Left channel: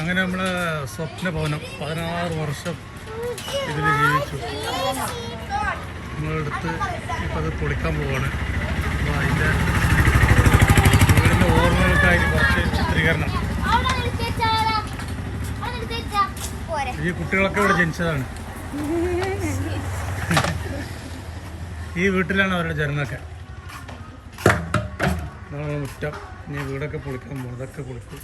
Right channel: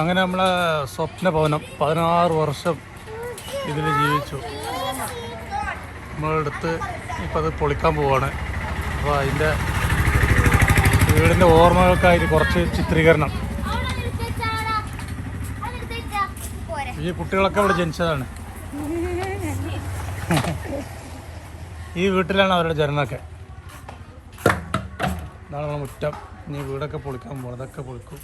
അങ്ങനെ നമ്മളെ സ്വപ്ന ഭവനം 16 വർഷം ഇതിൽ ജീവിച്ചു. നമ്മളെടുത്ത് ഇപ്പം അത് പൊളിക്കാൻ പോവാണ്. അപ്പോൾ അതിൻ്റെ വീടിൻ്റെ ഓർമ്മകൾക്കായിട്ട് കുറച്ച് ചിത്രീകരണം. ഈ കുട്ടികളൊക്കെ ഇവിടെ ജനിച്ചതാണ്. ഈ വീട്ടിലാണ് അവരുടെ ജന്മമൊക്കെ. ഇതാണ് മുറ്റം. ഇനി വീടൊക്കെ പൊളിക്കാൻ പോകും. അതൊക്കെ പൊളിക്കും.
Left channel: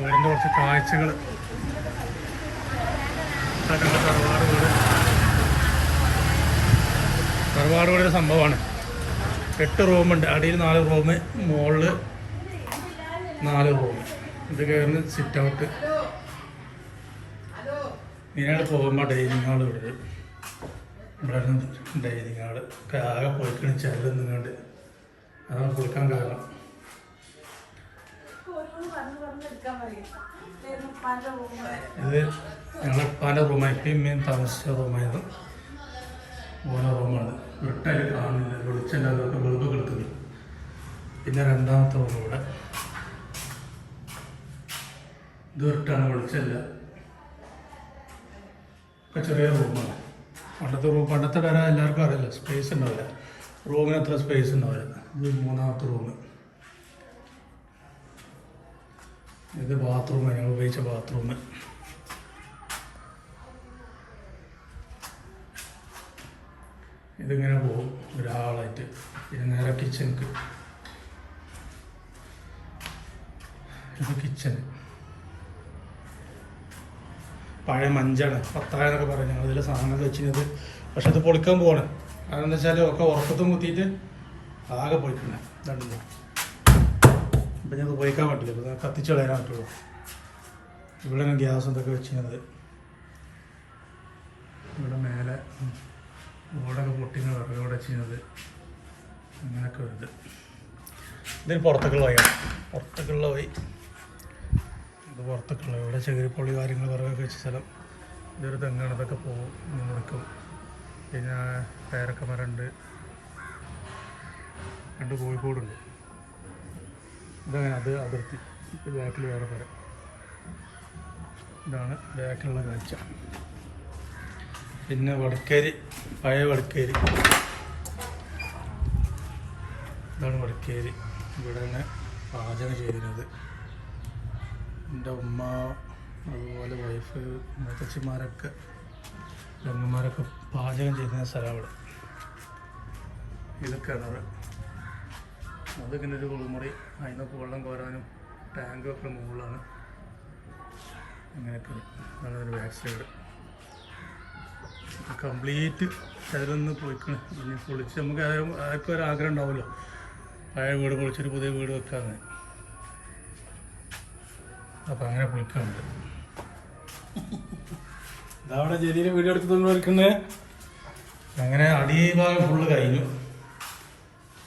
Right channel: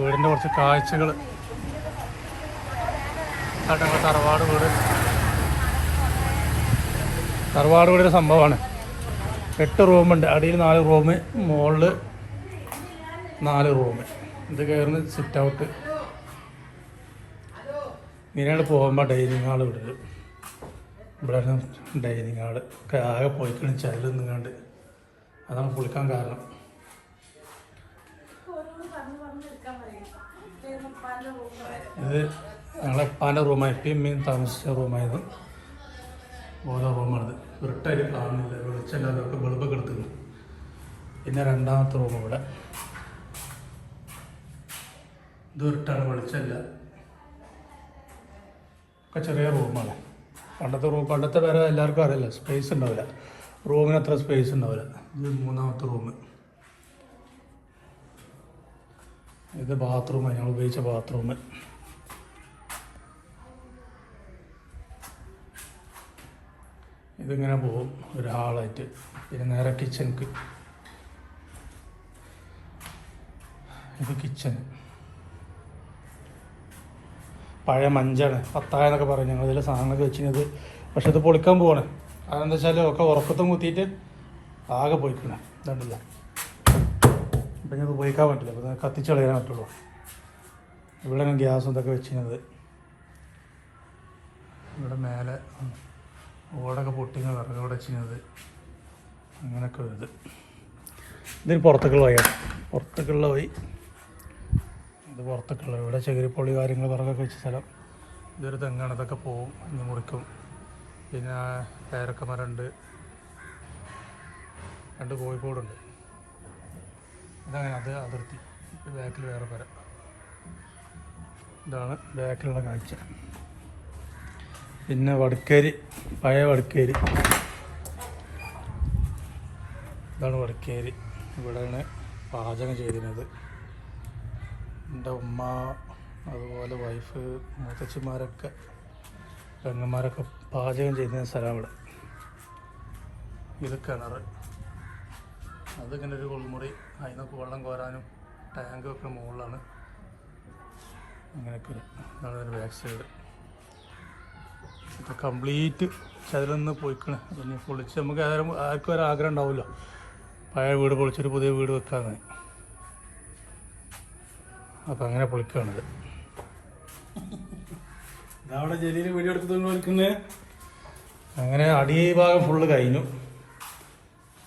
വീടിൻ്റെ കുറച്ച് കാഴ്ചകൾ. ഞങ്ങളുടെ തറവാട് വീടൊരു സംഭവമാണ്. 8 റൂമുണ്ട്. അടിയിൽ 4 റൂം, മുകളിൽ 4 റൂം. ഇത് കയറുന്ന സിറ്റ് ഔട്ട്. ഇങ്ങനെയാണ് പോകുമ്പോൾ ഡൈനിങ് ഹാൾ വീട്. ഇവിടെ ഡൈനിങ് ഹാള് ആകെ പൊളിക്കണ ചെല്ലുന്നുണ്ട്. അതാണ് പൊളിക്കാൻ കാരണം. ഇത് ഞങ്ങളെ ഉപ്പാൻ്റെ റൂമായി. ഇമ്മയും താമസിച്ച റൂമായത്. ഓരോ റൂമാണ്. വെട്ടായി കാണുന്നില്ല. വെളിച്ചൻ്റെ അതൊക്കെ വെളുപ്പ് കിട്ടുന്നു. പിന്നെ രണ്ടാമത്തെ റൂം ഇവിടെ. ഇത് വെട്ടാണ്, വെളിച്ചല്ല. ഒക്കെ ചെറിയ റൂമാണ്. പണ്ടത്തെ വേറെ എല്ലാവർക്കും അറിയില്ല. സ്പേസ് ഉണ്ടാവില്ല. റൂമിന് അത്ര സ്പേസ് ഉണ്ടാവില്ല. ഇത് മൂന്നാമത്തെ റൂം. ഇത് ബാത്റൂമാണ്. ഞങ്ങൾ ഉപയോഗിച്ച ബാത്റൂം. ഇതിങ്ങനെ പോകും ഒരു ഹാളായിട്ട്. പിന്നെ നേരെ കിച്ചണിക്ക്. ഇത് കിച്ചൺ. പഴയ മഞ്ചാണ്, പത്തായെന്നൊക്കെ പറയും ഞങ്ങൾ. ഇതിൽ സാധനങ്ങൾ വെച്ചിരുന്നത്. പക്ഷെ ഇത് പൊളിക്കാൻ പോവാണ്. അതെന്താ വെച്ചാൽ ഒക്കെ ഉറക്കത്തും കുത്തിയിട്ട് ആകെ പൊളിക്കണേ. ഇതല്ല ഇപ്പം ഞാൻ ഉപയോഗിക്കാൻ പറ്റില്ല. അപ്പോൾ കത്തിച്ച് കളയാൻ പറ്റുള്ളൂ. ഇവിടെയാണ് ഗ്യാസ് എന്തൊക്കെ വെച്ചിരുന്നത്. ഇവിടെ മേലെ ഓടൊക്കെ പൊട്ടിന്ന് വിറകോടെ ചെയ്യുന്നത്. അങ്ങനെയൊക്കെ വരുന്നത്. ഇതിൽ പുറത്തേക്കുള്ള വഴിയാണ്. പുറത്തേക്കുള്ള വഴി. ഇത് പുറത്തേക്കുള്ള ഇവിടെ ചെകിരിപ്പൊളി കാര്യങ്ങൾ വിറകൊക്കെ വെച്ച സ്ഥലം. ഇതൊരു തെങ്ങാണ്. ഇതൊക്കെ പോവും, മുറിക്കും. പിന്നെ പേരക്ക മരമുണ്ട്. 2 കോഴിക്കോടുണ്ട്. ഇതങ്ങനെ അത് അതിർത്തി. ഇത് ബാക്കിൽ വേറെ മരം. ഇതാണ് ബാക്കിലുള്ള കാഴ്ച. പിന്നെ വടക്കേരി, പഴയ വടക്കേരി. ഇതാണ് വടക്കേരി. ഇവിടെയാണ് പാചകം ചെയ്യുന്നത്. എൻ്റെ ഉമ്മ, അതുപോലെ വൈഫ്, മുത്തച്ഛന്മാരൊക്കെ, പെങ്ങന്മാരൊക്കെ പാചകം ചെയ്യുന്ന സ്ഥലമാണ്. ഇത് കിണർ. അതിങ്ങനെ ഒരു കുളിമുറി. അതിനൊക്കെ വെള്ളം കോരാനും ടാങ്കൊക്കെ മുകളിലാണ്. ഇങ്ങനെയൊക്കെ. അതാണ് ഒരു ബാക്ക് സൈഡ്. കംപ്ലീറ്റ് അതിലൊന്ന് പോയിക്കണേ. പിന്നെ പൊളിച്ച് നമുക്ക് ആർക്കും ഒരാഗ്രഹം ഉണ്ടാവില്ല പഴയ വീട് പൊളിച്ചൊരു പുതിയ വീട് വെക്കാന്ന്. അപ്പം അങ്ങനെ പൊളിക്കാണിത്. ഇതവിടെ ജലീൽ വീഡിയോ എടുത്ത് തന്നെ എടുക്കുന്നത്. അങ്ങനെ അടി ഭാഗം ഫുള്ള് കഴിഞ്ഞു.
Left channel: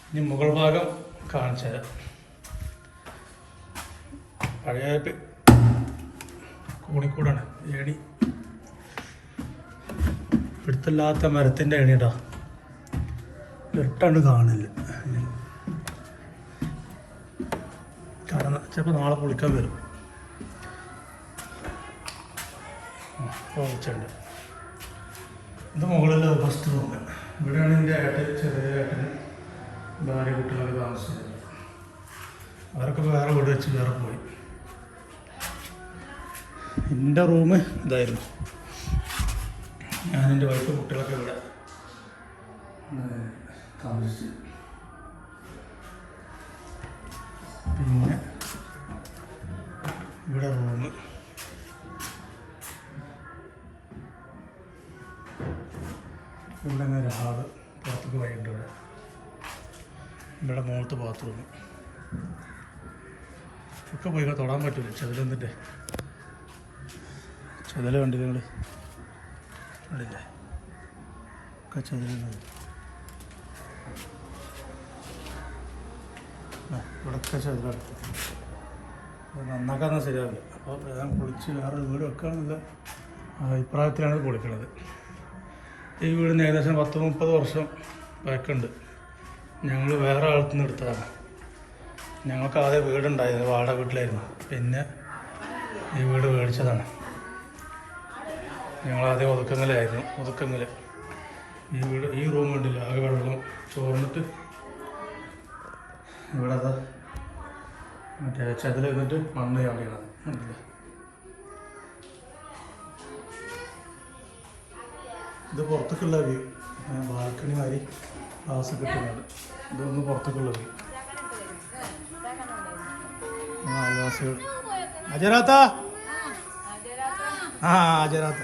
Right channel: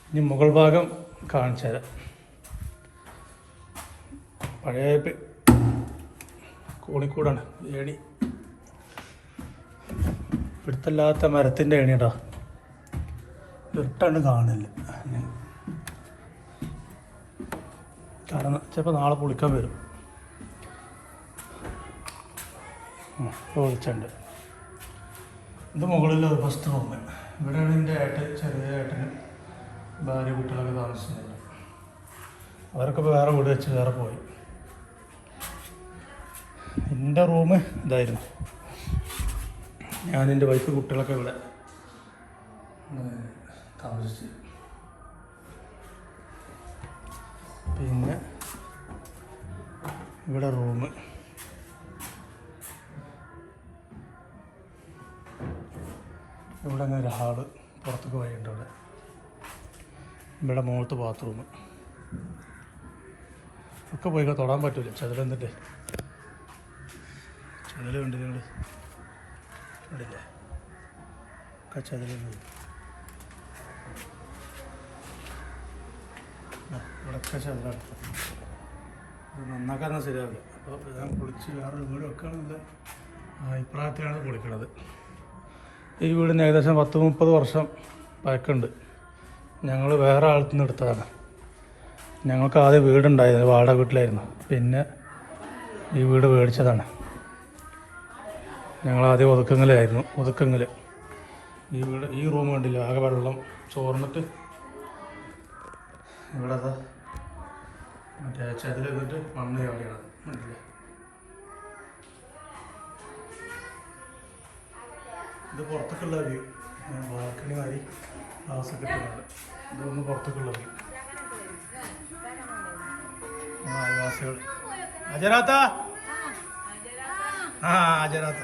ഇനി മുകൾ ഭാഗം കാണിച്ചു തരാം. പഴയ കോണിക്കൂടാണ് ഏണി. പിടുത്തല്ലാത്ത മരത്തിൻ്റെ ഏണിയടാ. വെട്ടാണ്ട് കാണില്ല. കാരണം ചിലപ്പോൾ നാളെ പൊളിക്കാൻ വരും. പൊളിച്ചുണ്ട്. ഇത് മുകളിൽ ഫസ്റ്റ് റൂം. ഇവിടെയാണ് എൻ്റെ ചെറിയ ഏട്ടന് ഭാര്യ കുട്ടികൾ താമസിച്ചത്. അവരൊക്കെ വേറെ വീട് വെച്ച് വേറെ പോയി. എൻ്റെ റൂം ഇതായിരുന്നു. ഞാനെൻ്റെ വൈഫ് കുട്ടികളൊക്കെ ഇവിടെ താമസിച്ചു. പിന്നെ ഇവിടെ റൂം. ഇവിടെ തന്നെ ഒരു ഹാള്. പുറത്തേക്ക് വഴിയുണ്ട്. ഇവിടെ മുഖത്ത് ബാത്റൂം. ഒക്കെ പോയി തൊടാൻ പറ്റൂല. ചെതിലെന്നിട്ട് ചെതിൽ കണ്ടില്ല നിങ്ങൾ? കണ്ടില്ലേ? ഒക്കെ ചെതിലുണ്ട്. ഇവിടെയൊക്കെ ചെതിലാണ്. അത് നന്നാക്കാൻ ശരിയാവില്ല. അപ്പോൾ ഞാൻ പൊളിച്ച് വേറൊരു വീട് വെക്കുകയാണെന്നുള്ള അഭിപ്രായത്തിലാണ് പൊളിക്കണത്. ഈ വീടിന് ഏകദേശം 10-30 വർഷം പഴക്കമുണ്ട്. ഞങ്ങൾ വേറെ ആളത്തു നിന്ന് എടുത്തതാണ്. ഞങ്ങൾക്ക് ആദ്യം വീടുണ്ടായിരുന്നു, വാടക വീട്ടിലായിരുന്നു. പിന്നെ ഈ വീട് മേടിച്ചതാണ്. ഞങ്ങളാദ്യം ഒതുക്കങ്ങളിലായിരുന്നു. ഈ വീട്, ഈ റൂം കണ്ടില്ല, ആകെ വെള്ളം ചോർന്നിട്ട് ഇവിടെ അത് മറ്റേ ചതിലിരുന്നിട്ട് മണ്ണ് ചാടിയാണ് കണ്ടില്ല. ഇത് പുറത്തേക്കുള്ള വ്യൂ, ബാൽക്കണി മാതിരി ഗ്ലാസ് കിട്ടുന്നുണ്ട്. ഇതൊന്ന് പുറത്തേക്കുള്ള വ്യൂ. അയൽവാസികൾ അജരാത്ത അജരാത്ത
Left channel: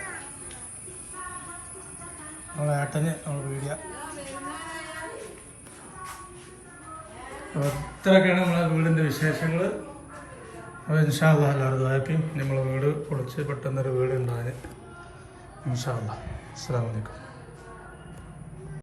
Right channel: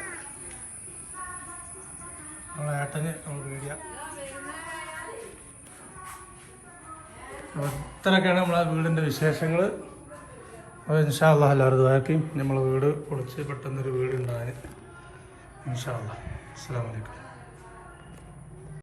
നമ്മളെ ഏട്ടന് നമ്മൾ വീഡിയോ. അപ്പോൾ ഇത്രയൊക്കെയാണ് നമ്മളെ വീടിൻ്റെ വിശേഷങ്ങൾ. അപ്പോൾ ഇൻഷാ അല്ലാഹ് എല്ലാവരും ദുആ നമ്മളെ വീട് പൊളിച്ച് പെട്ടെന്നൊരു വീട് ഉണ്ടാകാൻ. ഇൻഷാ അല്ലാഹ്. അസ്സലാമു അലൈക്കും.